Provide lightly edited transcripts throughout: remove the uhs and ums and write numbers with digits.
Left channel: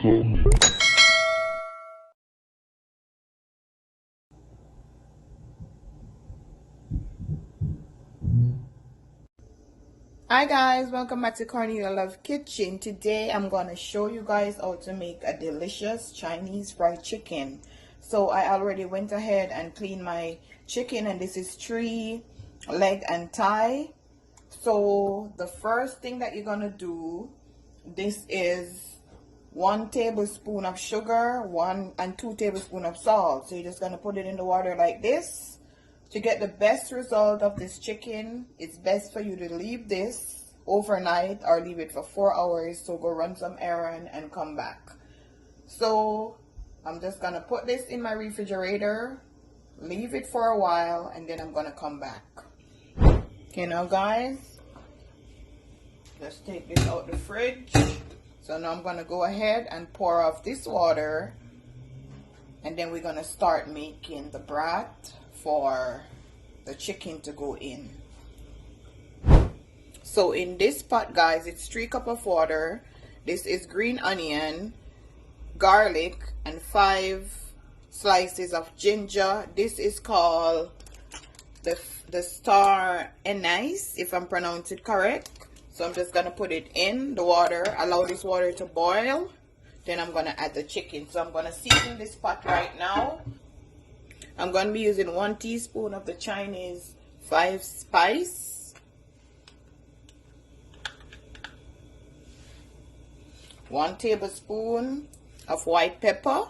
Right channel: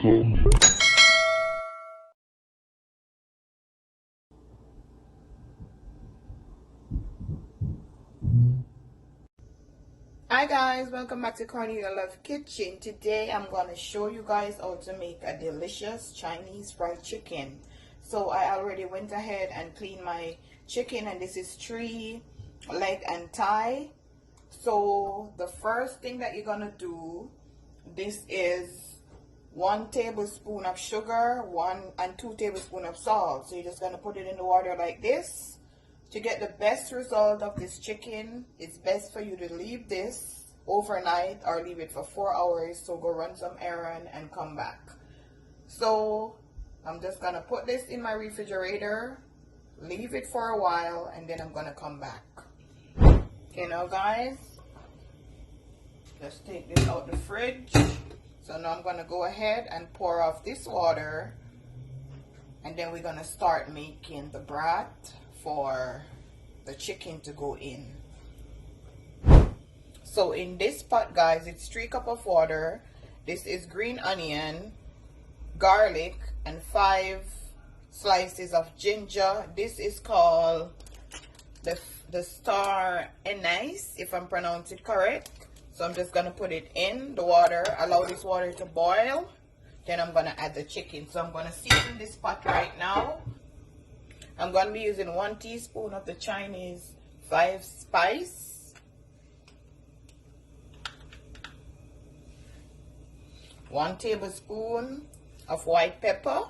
tummy. Hi guys, welcome back to Cornelia Love Kitchen. Today I'm going to show you guys how to make a delicious Chinese fried chicken. So I already went ahead and cleaned my chicken, and this is 3 leg and thigh. So the first thing that you're going to do, this is 1 tablespoon of sugar, 1 and 2 tablespoons of salt. So you're just going to put it in the water like this. To get the best result of this chicken, it's best for you to leave this overnight or leave it for 4 hours. So go run some errand and come back. So I'm just going to put this in my refrigerator, leave it for a while, and then I'm going to come back. Okay, now guys, let's take this out the fridge. So now I'm going to go ahead and pour off this water, and then we're going to start making the broth for the chicken to go in. So in this pot, guys, it's 3 cups of water. This is green onion, garlic, and 5 slices of ginger. This is called the star anise, if I'm pronouncing it correct. So I'm just gonna put it in the water, allow this water to boil, then I'm gonna add the chicken. So I'm gonna season this pot right now. I'm going to be using 1 teaspoon of the Chinese 5 spice, 1 tablespoon of white pepper,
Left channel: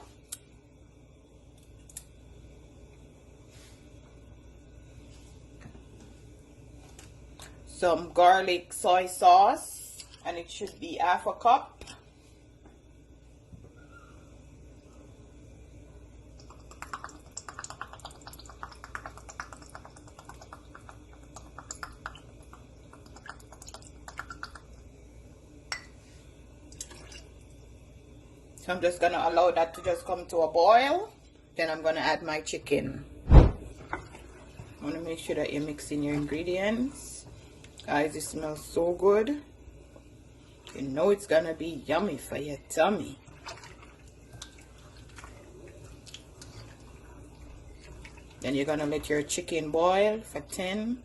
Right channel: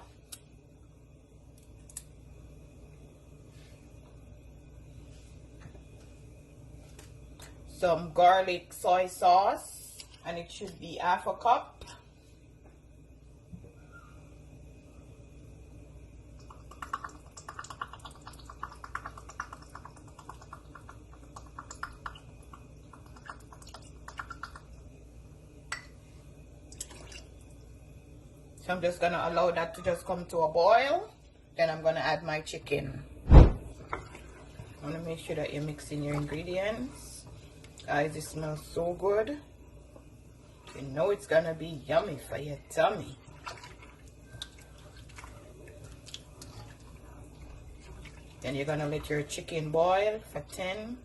some garlic soy sauce, and it should be 1/2 cup. So I'm just going to allow that to just come to a boil. Then I'm going to add my chicken. I'm going to make sure that you're mixing your ingredients. Guys, it smells so good. You know it's going to be yummy for your tummy. Then you're going to let your chicken boil for 10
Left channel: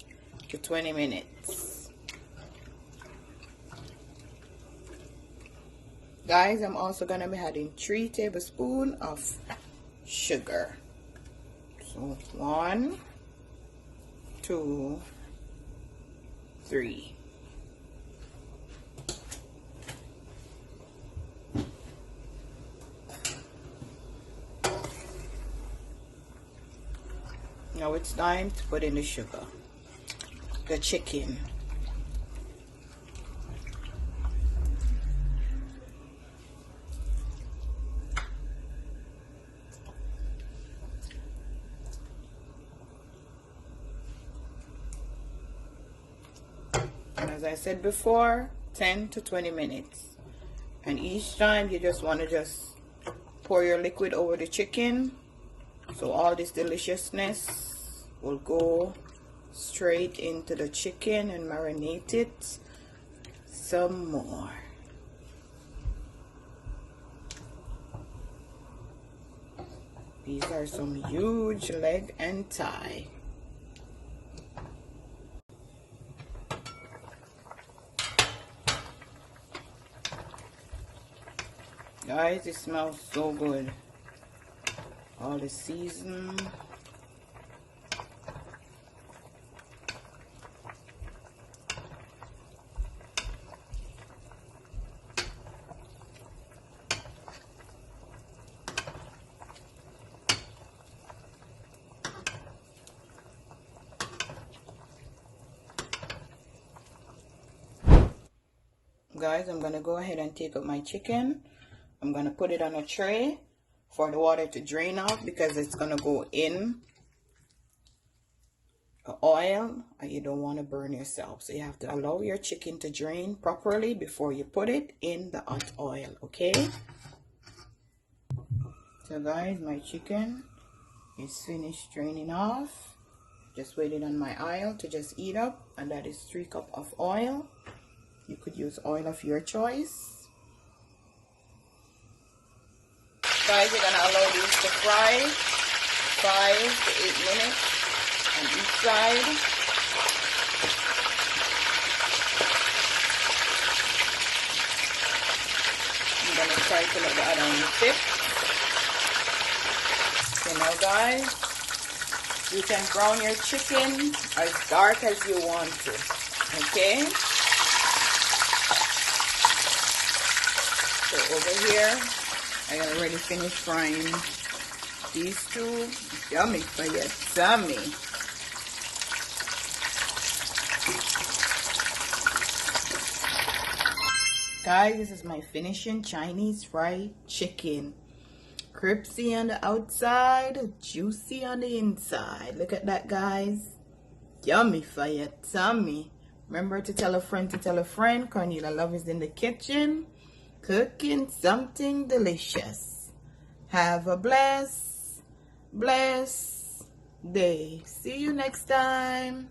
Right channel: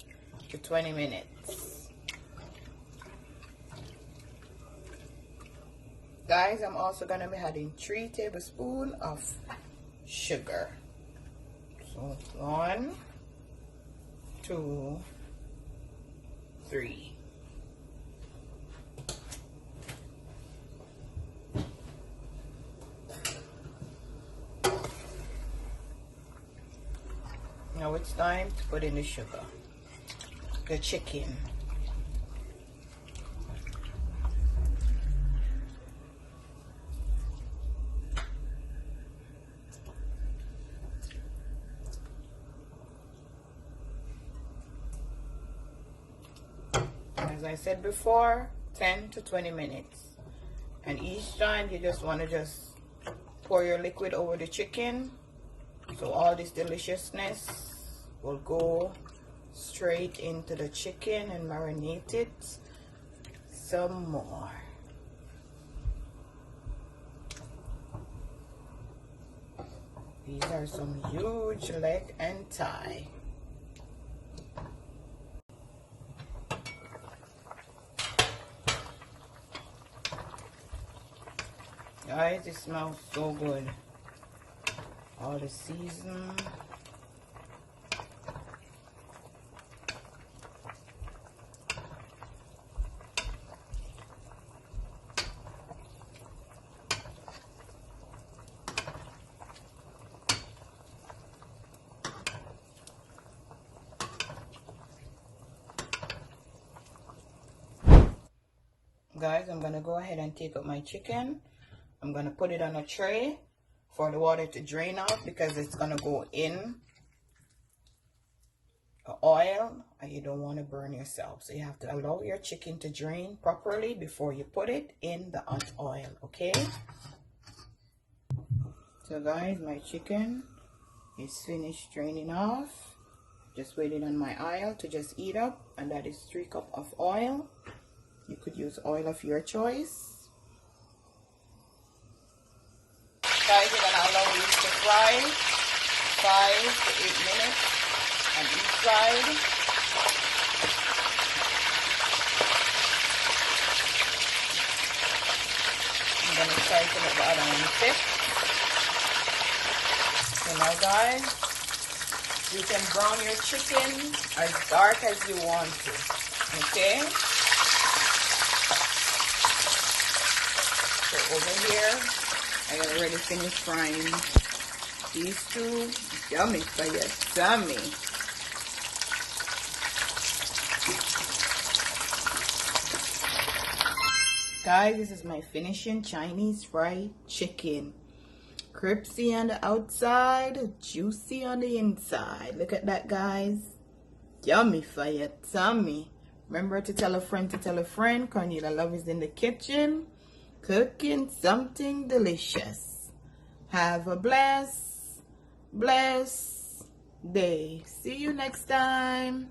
to 20 minutes. Guys, I'm also going to be adding 3 tablespoons of sugar. So 1, 2, 3. Now it's time to put in the sugar, the chicken. As I said before, 10 to 20 minutes. And each time you just want to just pour your liquid over the chicken, so all this deliciousness will go straight into the chicken and marinate it some more. These are some huge leg and thigh. Guys, it smells so good. All the season. Guys, I'm going to go ahead and take up my chicken. I'm going to put it on a tray for the water to drain out, because it's going to go in the oil and you don't want to burn yourself. So you have to allow your chicken to drain properly before you put it in the hot oil, okay? So guys, my chicken is finished draining off. Just waiting on my oil to just heat up, and that is 3 cups of oil. You could use oil of your choice. Guys, you're gonna allow these to fry 5 to 8 minutes on each side. I'm gonna try to let the other one thick. So now guys, you can brown your chicken as dark as you want to. Okay? So over here, I already finished frying these two. Yummy for your tummy. Guys, this is my finishing Chinese fried chicken. Crispy on the outside, juicy on the inside. Look at that, guys. Yummy for your tummy. Remember to tell a friend to tell a friend. Cornelia Love is in the kitchen, cooking something delicious. Have a blessed day. See you next time.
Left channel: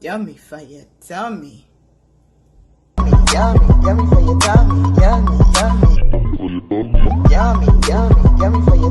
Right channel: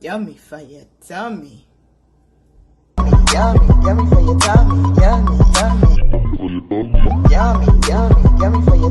Yummy for your tummy. Yummy, yummy for your tummy. Yummy, yummy. Yummy, yummy, yummy for your